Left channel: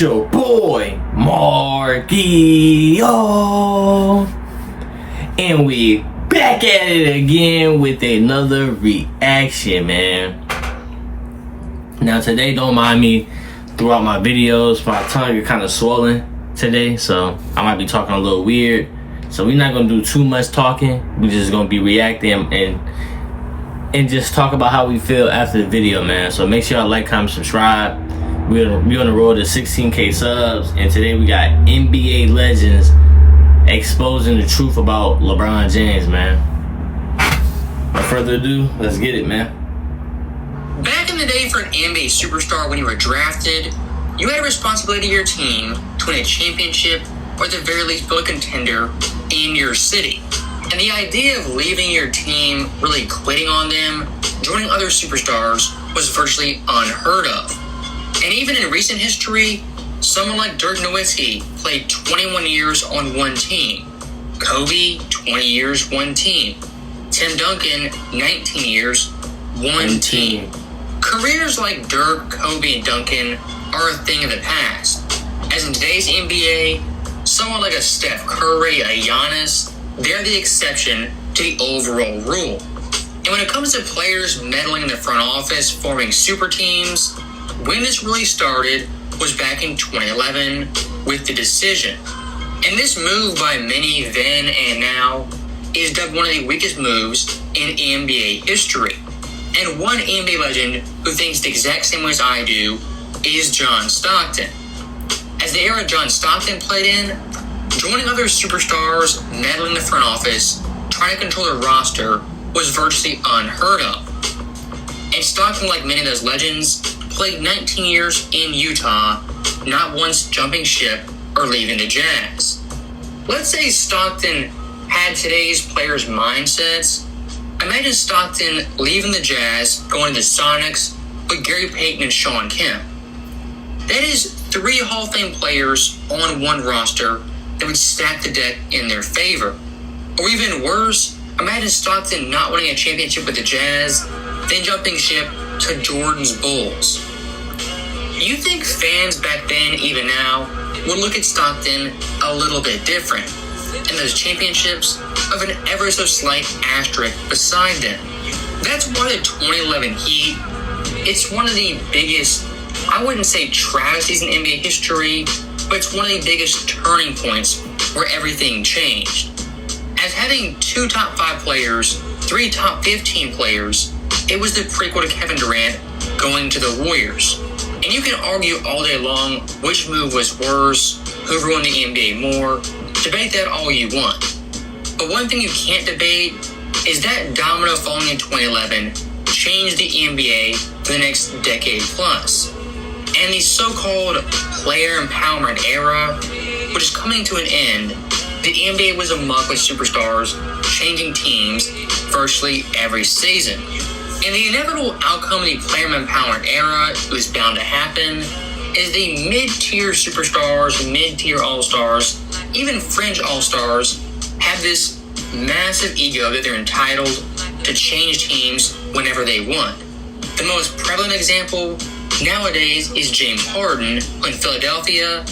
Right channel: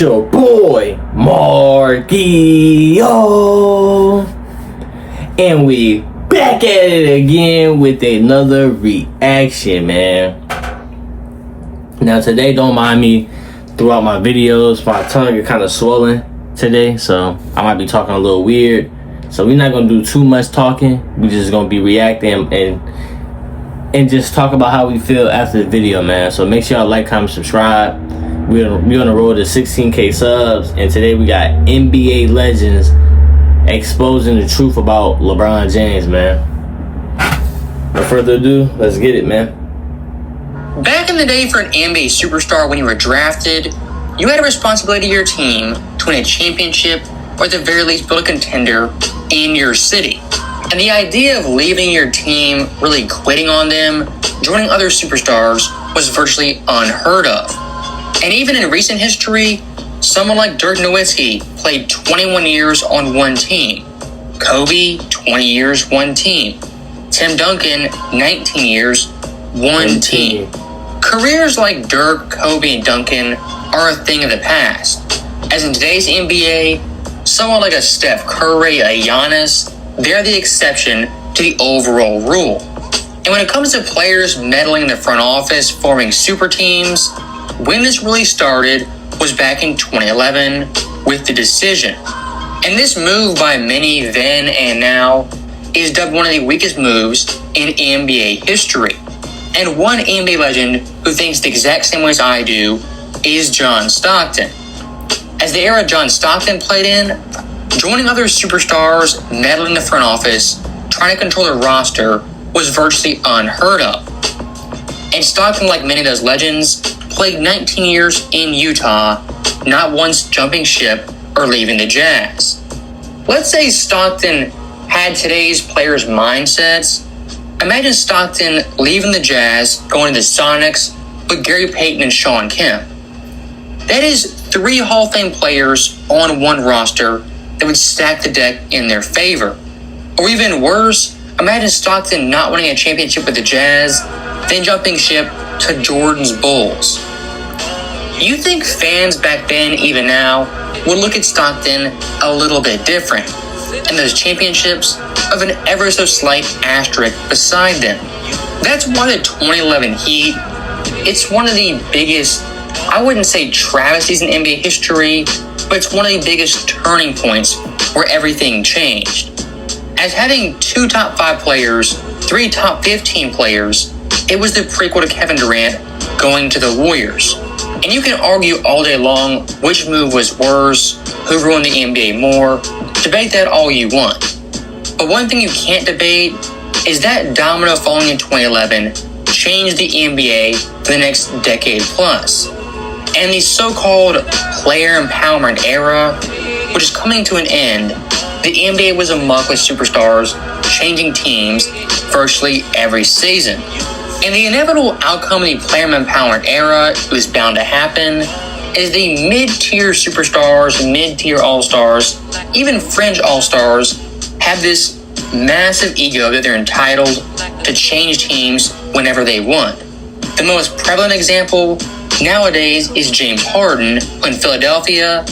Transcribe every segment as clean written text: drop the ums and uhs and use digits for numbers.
It's your boy, Marquio. And we back at it again with another reaction, man. Now today, don't mind me throughout my videos. My tongue is kind of swollen today, so I might be talking a little weird. So we're not going to do too much talking. We're just going to be reacting and just talk about how we feel after the video, man. So make sure y'all like, comment, subscribe. We're on the road to 16K subs, and today we got NBA legends exposing the truth about LeBron James, man. Without further ado, let's get it, man. Back in the day, for an NBA superstar, when you were drafted, you had a responsibility to your team to win a championship, or at the very least build a contender in your city. And the idea of leaving your team, really quitting on them, joining other superstars, was virtually unheard of. And even in recent history, someone like Dirk Nowitzki played 21 years on one team. Kobe, 20 years, one team. Tim Duncan, 19 years, one team. Careers like Dirk, Kobe, and Duncan are a thing of the past. As in today's NBA, someone like a Steph Curry, a Giannis, they're the exception to the overall rule. And when it comes to players meddling in the front office, forming super teams, when this really started was back in 2011 with The Decision. And this move by many then and now is dubbed one of the weakest moves in NBA history. And one NBA legend who thinks the exact same way as I do is John Stockton. As the era John Stockton played in, joining other superstars, meddling in the front office, trying to control the roster was virtually unheard of. And Stockton, like many of those legends, played 19 years in Utah, not once jumping ship or leaving the Jazz. Let's say Stockton had today's players' mindsets. Imagine Stockton leaving the Jazz, going to the Sonics with Gary Payton and Sean Kemp. That is 3 Hall of Fame players on one roster that would stack the deck in their favor. Or even worse, imagine Stockton not winning a championship with the Jazz, then jumping ship to Jordan's Bulls. You think fans back then, even now, would look at Stockton a little bit different, and those championships of an ever so slight asterisk beside them. That's why the 2011 Heat, it's one of the biggest, I wouldn't say travesties in NBA history, but it's one of the biggest turning points where everything changed. As having 2 top 5 players, 3 top 15 players, it was the prequel to Kevin Durant going to the Warriors. And you can argue all day long which move was worse, who ruined the NBA more, debate that all you want. But one thing you can't debate is that domino falling in 2011 changed the NBA for the next decade plus. And the so-called player empowerment era, which is coming to an end, the NBA was amok with superstars changing teams virtually every season. And the inevitable outcome of the player empowerment era was bound to happen is the mid-tier superstars, mid-tier all-stars, even fringe all-stars have this massive ego that they're entitled to change teams whenever they want. The most prevalent example nowadays is James Harden, who in Philadelphia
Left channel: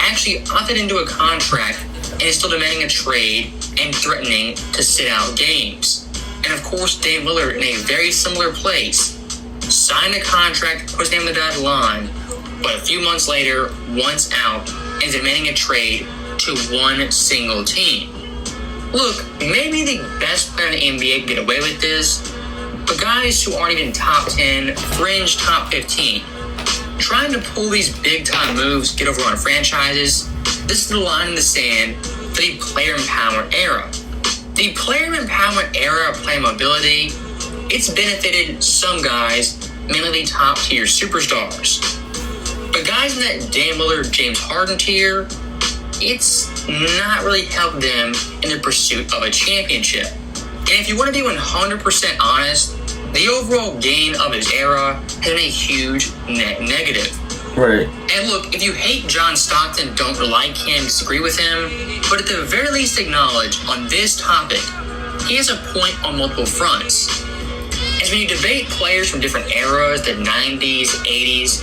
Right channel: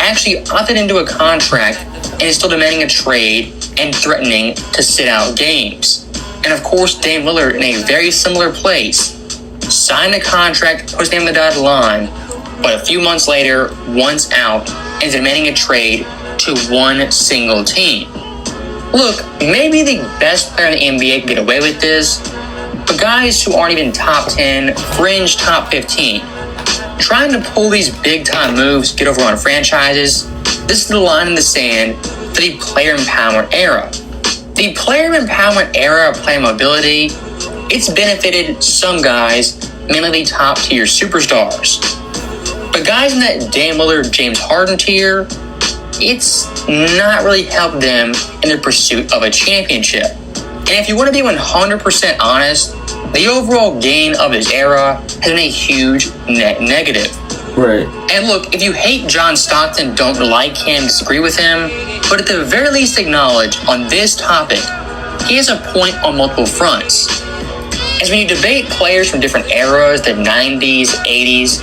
actually opted into a contract and is still demanding a trade and threatening to sit out games. And of course, Dame Lillard, in a very similar place, signed a contract, pushed him the dotted line, but a few months later, once out, and demanding a trade to one single team. Look, maybe the best player in the NBA can get away with this, but guys who aren't even top 10, fringe top 15, trying to pull these big-time moves, get over on franchises, this is the line in the sand for the player empowerment era. The player empowerment era of player mobility, it's benefited some guys, mainly the top tier superstars. But guys in that Dame Lillard, James Harden tier, it's not really helped them in their pursuit of a championship. And if you want to be 100% honest, the overall gain of his era has been a huge net negative. Right. And look, if you hate John Stockton, don't like him, disagree with him, but at the very least acknowledge on this topic, he has a point on multiple fronts. As when you debate players from different eras, the 90s, 80s,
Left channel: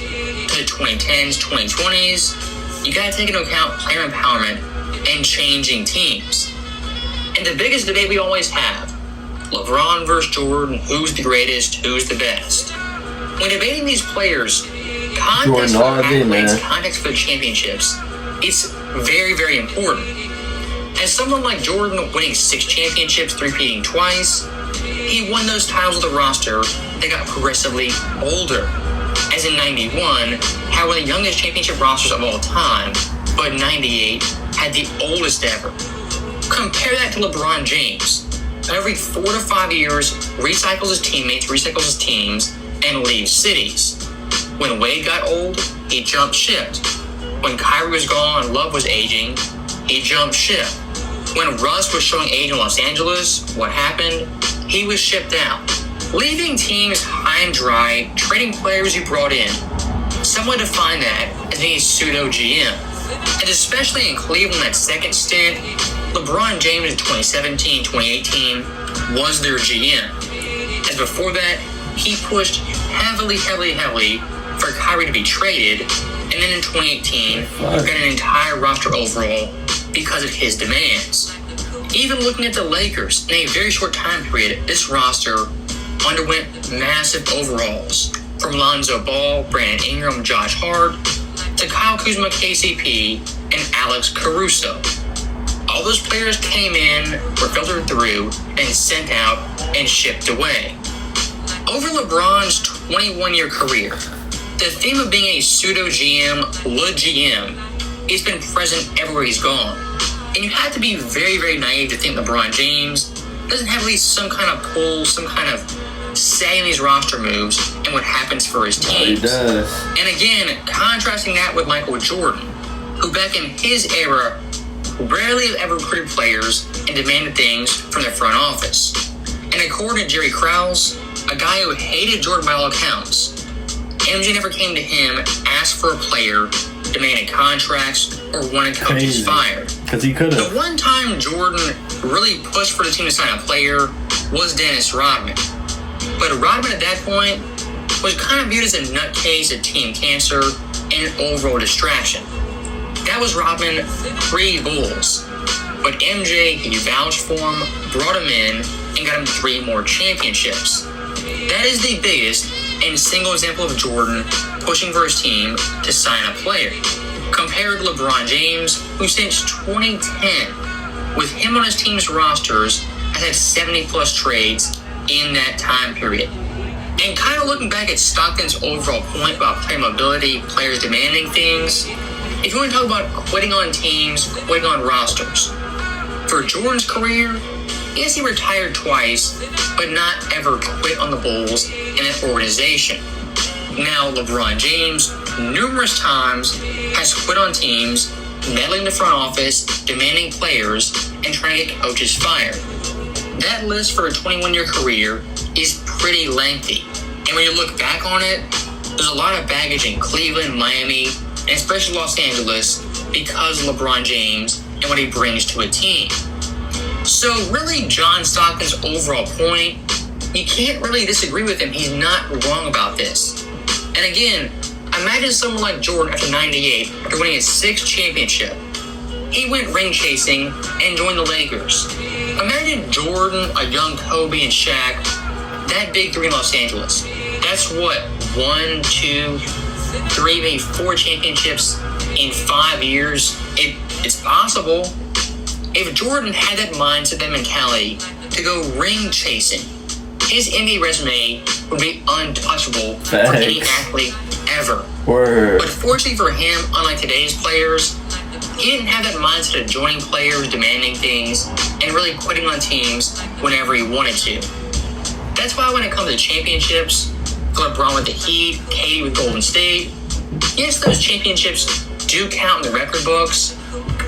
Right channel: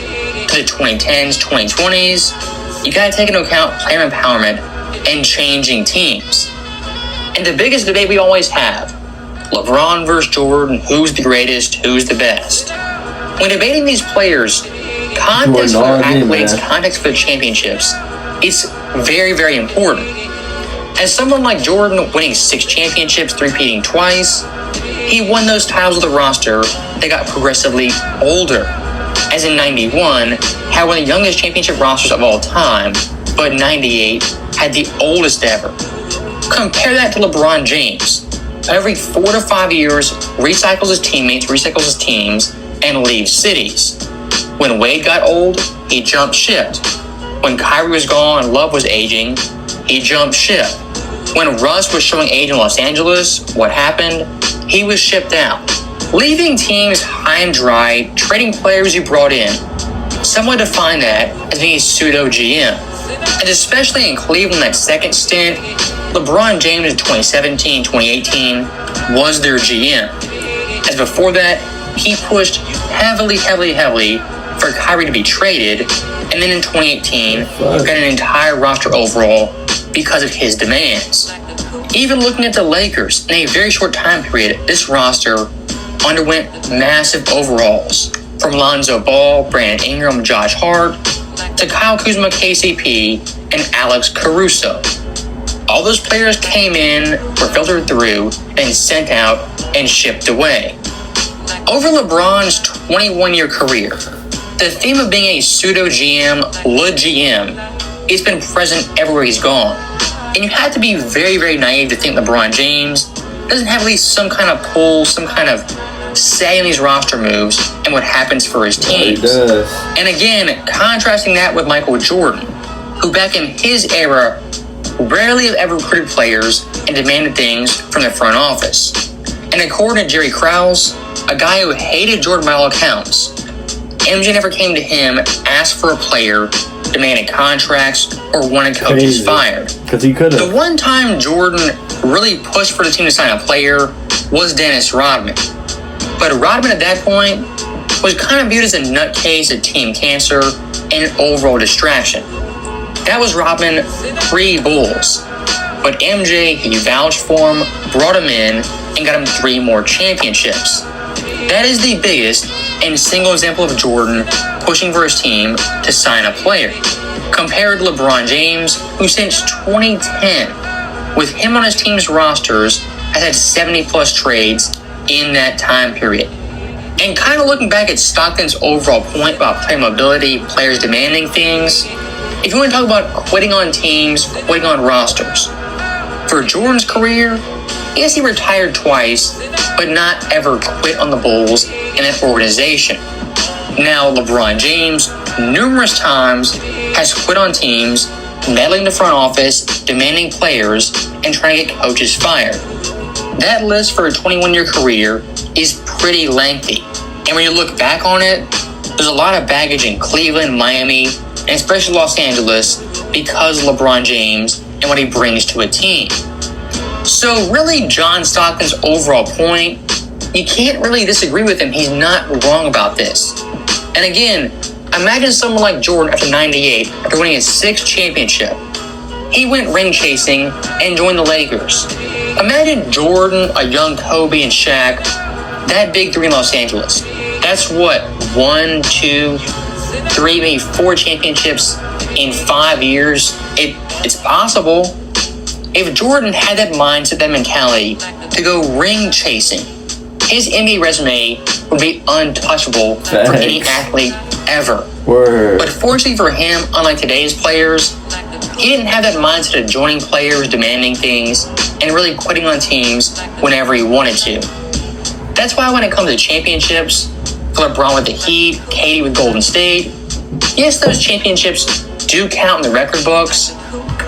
to the 2010s, 2020s, you gotta take into account player empowerment and changing teams. And the biggest debate we always have, LeBron versus Jordan, who's the greatest, who's the best? When debating these players, context for the accolades, context for the championships, it's very, very important. As someone like Jordan winning 6 championships, three-peating twice, he won those titles with a roster that got progressively older. As in 91, had one of the youngest championship rosters of all time, but 98 had the oldest ever. Compare that to LeBron James. Every 4 to 5 years, recycles his teammates, recycles his teams, and leaves cities. When Wade got old, he jumped ship. When Kyrie was gone, Love was aging, he jumped ship. When Russ was showing age in Los Angeles, what happened? He was shipped out. Leaving teams high and dry, trading players you brought in. Some would define that as being a pseudo GM. And especially in Cleveland, that second stint, LeBron James in 2017, 2018 was their GM. As before that, he pushed heavily for Kyrie to be traded, and then in 2018, got an entire roster overall because of his demands. Even looking at the Lakers, in a very short time period, this roster underwent massive overhauls. From Lonzo Ball, Brandon Ingram, Josh Hart, to Kyle Kuzma, KCP, and Alex Caruso. All those players came in, were filtered through, then sent out and shipped away. Over LeBron's 21-year career, the theme of being a pseudo GM, le GM, has been present everywhere he's gone. And you have to be very, very naive to think LeBron James doesn't have at least some kind of pull, some kind of say in these roster moves and what happens for his teams. He does. And again, contrasting that with Michael Jordan, who back in his era rarely ever recruited players and demanded things from the front office. And according to Jerry Krause, a guy who hated Jordan by all accounts, MJ never came to him, asked for a player, demanded contracts, or wanted coaches fired. Because he could have. The one time Jordan really pushed for the team to sign a player was Dennis Rodman. But Rodman at that point was kind of viewed as a nutcase, a team cancer, and an overall distraction. That was Rodman pre-Bulls. But MJ, he vouched for him, brought him in, and got him 3 more championships. That is the biggest and single example of Jordan pushing for his team to sign a player. Compared to LeBron James, who since 2010, with him on his team's rosters, has had 70-plus trades in that time period. And kind of looking back at Stockton's overall point about player mobility, players demanding things, if you want to talk about quitting on teams, quitting on rosters, for Jordan's career, yes, he retired twice, but not ever quit on the Bulls and that organization. Now, LeBron James, numerous times, has quit on teams, meddling the front office, demanding players, and trying to get coaches fired. That list for a 21-year career is pretty lengthy. And when you look back on it, there's a lot of baggage in Cleveland, Miami, and especially Los Angeles because of LeBron James and what he brings to a team. So really, John Stockton's overall point, you can't really disagree with him. He's not wrong about this. And again, imagine someone like Jordan after 98, after winning his 6th championship. He went ring chasing and joined the Lakers. Imagine Jordan, a young Kobe and Shaq, that big 3 in Los Angeles. That's what, 1, 2, 3, maybe 4 championships in 5 years? It's possible. If Jordan had that mindset, that mentality to go ring chasing, his NBA resume would be untouchable for any athlete ever. Word. But fortunately for him, unlike today's players, he didn't have that mindset of joining players, demanding things, and really quitting on teams whenever he wanted to. That's why when it comes to championships, LeBron with the Heat, KD with Golden State, yes, those championships do count in the record books,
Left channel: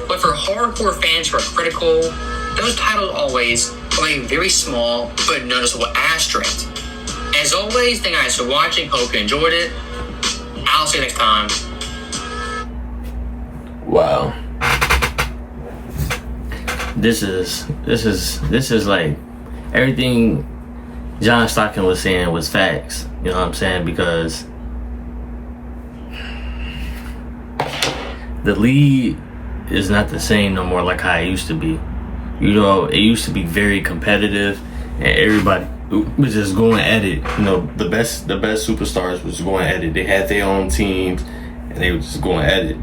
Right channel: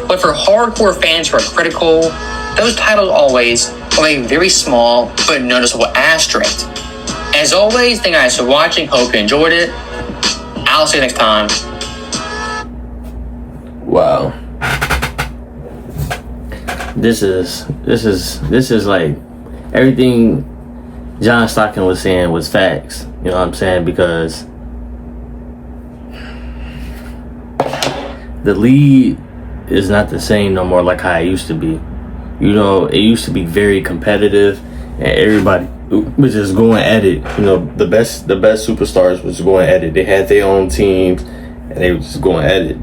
but for hardcore fans who are critical, those titles always have a very small but noticeable asterisk. As always, thank you guys for watching. Hope you enjoyed it. I'll see you next time. Wow. This is like everything John Stockton was saying was facts. You know what I'm saying? Because the league is not the same no more like how it used to be. You know, it used to be very competitive, and everybody was just going at it. You know, the best superstars was going at it. They had their own teams, and they were just going at it.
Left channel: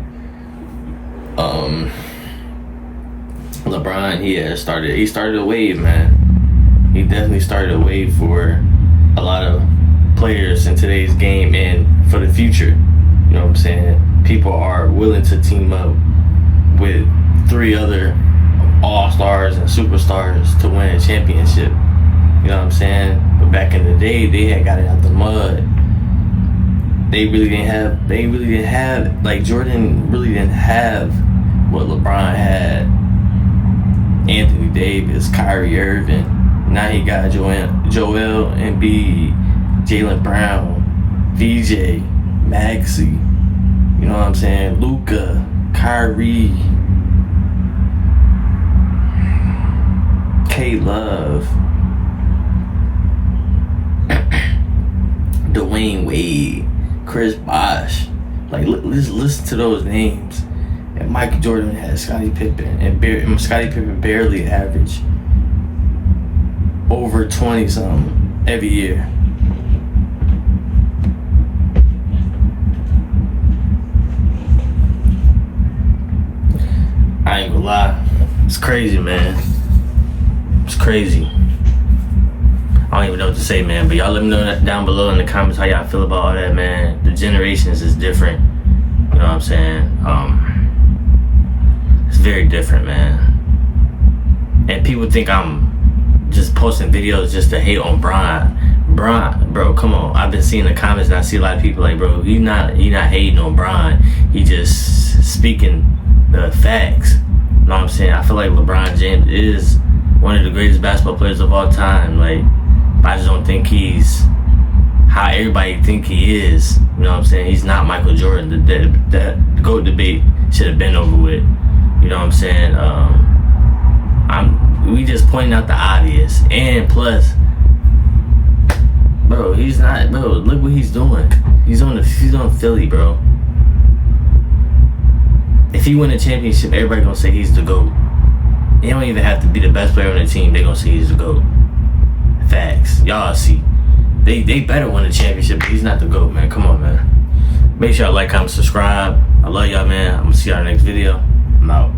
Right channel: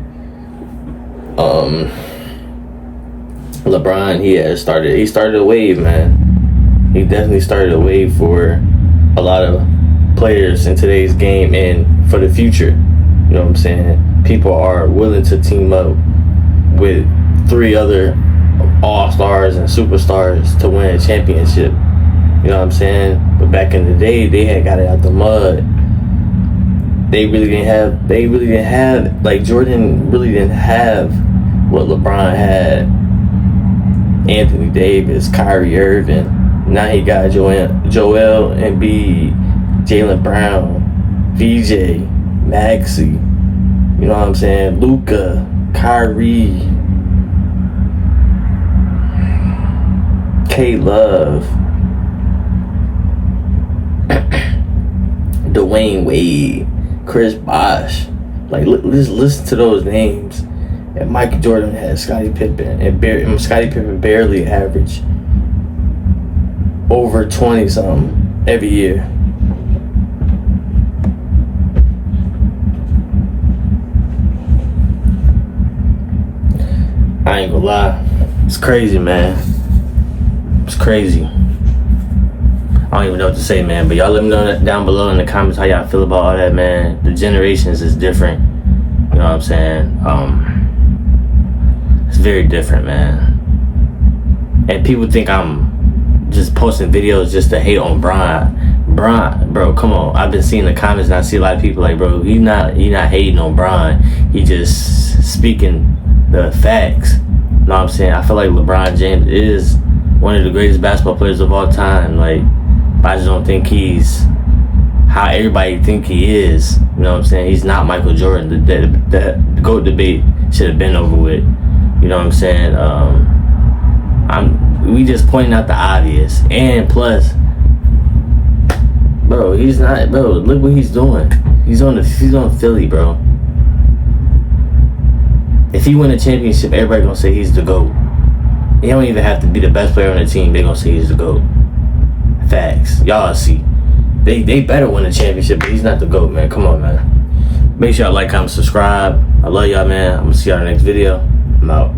LeBron, he started a wave, man. He definitely started a wave for a lot of players in today's game and for the future. You know what I'm saying? People are willing to team up with 3 other all-stars and superstars to win a championship. You know what I'm saying? But back in the day, they had got it out the mud. They really didn't have, like, Jordan really didn't have what LeBron had. Anthony Davis, Kyrie Irving. Now he got Joel Embiid, Jaylen Brown, VJ, Maxey. You know what I'm saying? Luka, Kyrie, K-Love, Dwayne Wade, Chris Bosh. Like, listen to those names. And Michael Jordan had Scottie Pippen, and Scottie Pippen barely averaged over 20-something every year. I ain't gonna lie. It's crazy, man. It's crazy. I don't even know what to say, man. But y'all let me know down below in the comments how y'all feel about all that, man. The generations is different. You know what I'm saying? It's very different, man. And people think I'm just posting videos just to hate on Bron, bro, come on. I've been seeing the comments and I see a lot of people like, bro, he not hating on Bron. He just speaking the facts. You know what I'm saying? I feel like LeBron James is one of the greatest basketball players of all time. Like, I just don't think he's how everybody think he is. You know what I'm saying? He's not Michael Jordan. The GOAT debate should have been over with. You know what I'm saying? We just pointing out the obvious. And plus, bro, he's not, bro, look what he's doing. He's on Philly, bro. If he win a championship, everybody gonna say he's the GOAT. He don't even have to be the best player on the team. They gonna say he's the GOAT. Facts. Y'all see. They better win a championship, but he's not the GOAT, man. Come on, man. Make sure y'all like, comment, subscribe. I love y'all, man. I'm gonna see y'all in the next video. I'm out.